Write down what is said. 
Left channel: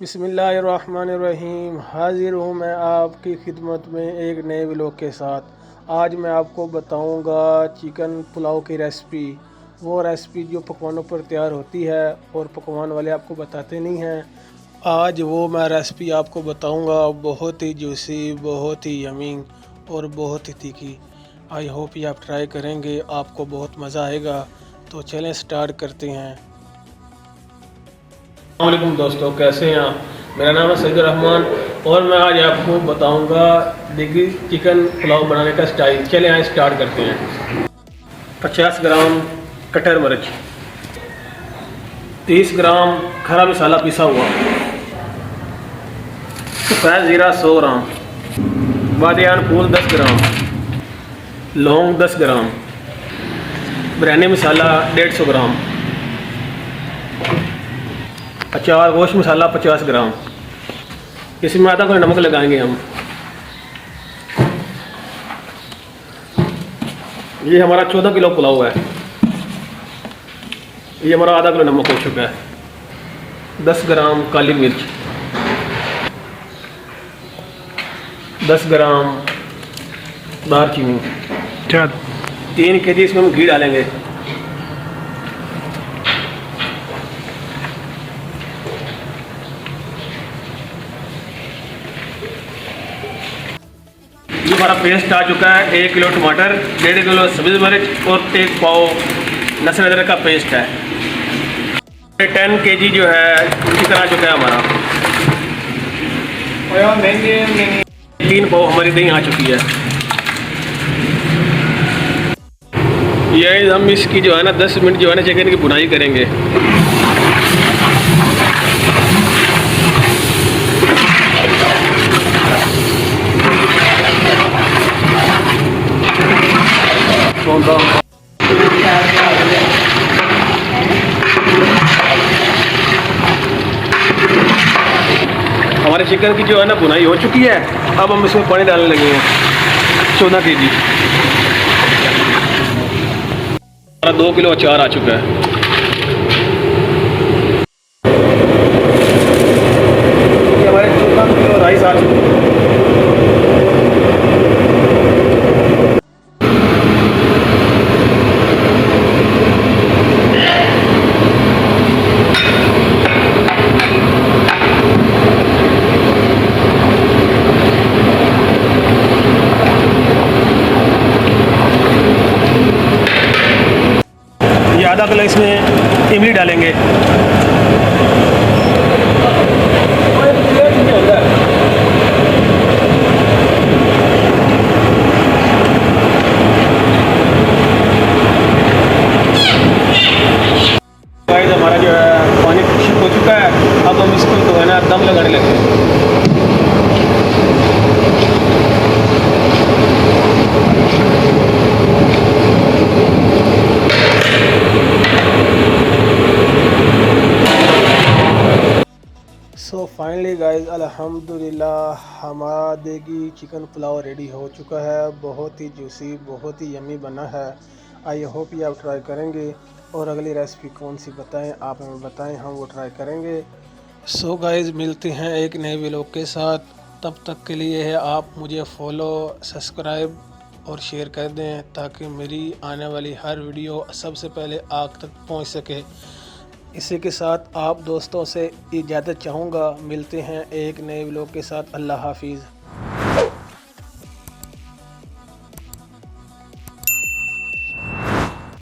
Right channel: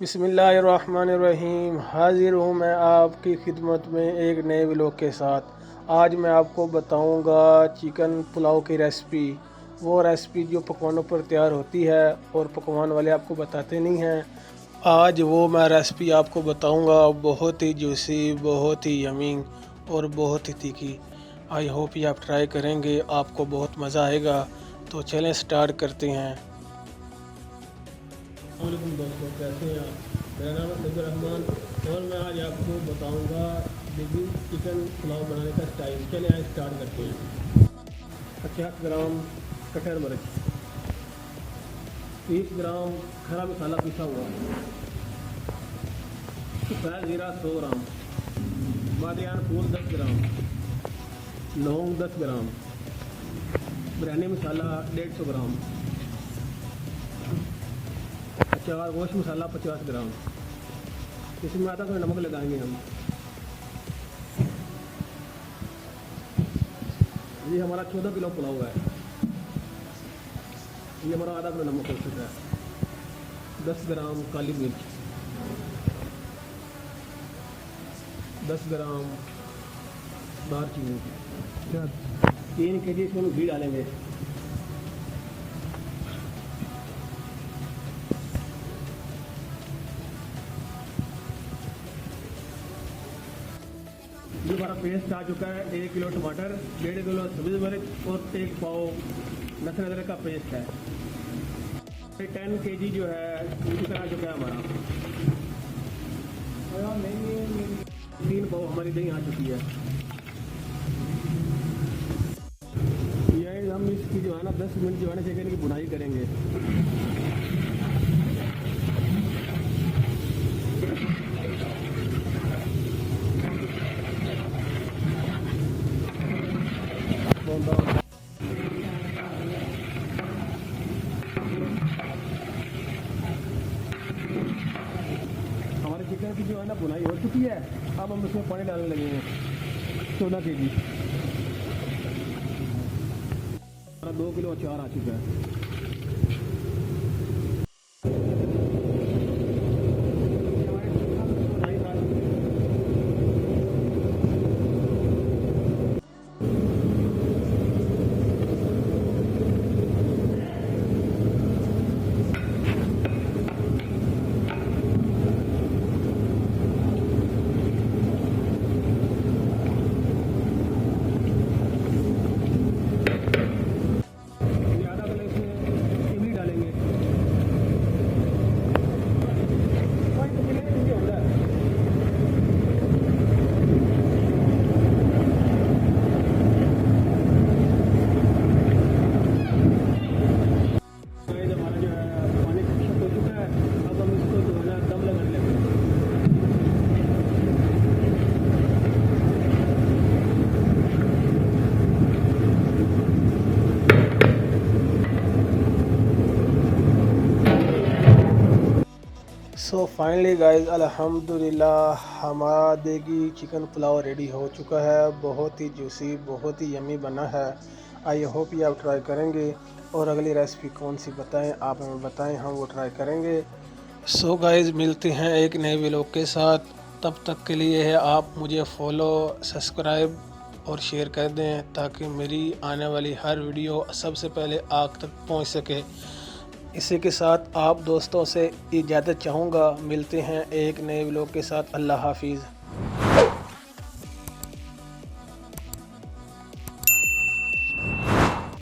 बिस्मिल्लाहिर्रहमानिर्रहीम। हाजिर हूँ मैं आपकी खिदमत में एक नए व्लॉग के साथ। आज मैं आपको बताऊँगा चिकन पुलाव की रेसिपी, वो रेसिपी जो पकवानों पर तैयार होती है और पकवान वाले आपको बताते नहीं हैं। आज वो मैं रेसिपी आपको बताऊँगा, बहुत ही जूसी, बहुत ही यमी और बहुत ही तीखी। आई होप ये आप ट्राई करेंगे, आपको बहुत मज़ा आएगा। तो चलें स्टार्ट करते हैं। अस्सलामुअलैकुम दोस्तों, कैसे हैं आप? मेरा नाम है सईदुर रहमान और मैं आज आपको बताऊंगा देगी चिकन पुलाव बनाने का स्टाइल। चले आए स्टार्ट करते हैं। 50 ग्राम कटर मिर्च, 30 ग्राम खरा मसाला पिसा हुआ, सफ़ेद ज़ीरा 100 ग्राम, बादियान फूल 10 ग्राम, लौंग 10 ग्राम, बिरयानी मसाला 150 ग्राम, अचार गोश्त मसाला 50 ग्राम। इसमें आधा किलो नमक लगाएंगे हम। ये हमारा 14 किलो पुलाव है। ये हमारा आधा किलो नमक हो चुका है। 10 ग्राम काली मिर्च, 10 ग्राम दालचीनी, 3 केजी इसमें हम घी डालेंगे। ये हमारा पेस्ट आ चुका है। 1 किलो टमाटर, 1.5 किलो सब्ज़ मिर्च और 1 पाव लहसुन अदरक का पेस्ट है। 10 केजी जो है चिकन आ चुका है हमारा। 3 पाव हमारी दही आ चुकी है। ये हम इसकी जो है ना 10 मिनट जो है ना चिकन की बुनाई करेंगे। हमारे चिकन की जो है ना बुनाई हो चुकी है। अब हम इसमें पानी डालने लगे हैं। 14 केजी, हमारा 2 किलो अचार आ चुका है। हमारे 14 किलो राइस आ चुका है। आधा किलो इसमें इमली डालेंगे। हमारा जो है पानी खुश्क हो चुका है। अब हम इसको जो है ना दम लगाने लगे। सो फाइनली गाइस, अल्हम्दुलिल्लाह हमारा देगी चिकन पुलाव रेडी हो चुका है। बहुत ही जूसी, बहुत ही यमी बना है। आई होप ये आप ट्राई करेंगे और अगली रेसिपी कौन सी बताएं आप हमें बताएं, हम वो ट्राई करेंगे। सो गाइस, मिलते हैं एक नए व्लॉग के साथ। तब तक के लिए है आप मुझे फॉलो, सब्सक्राइब और शेयर कर दें ताकि मेरी आने वाली हर वीडियो सबसे पहले आप तक पहुंच सके। इसी के साथ आप दोस्तों से इजाज़त चाहूँगा। मिलते हैं एक नए व्लॉग के साथ। अल्लाह हाफिज़।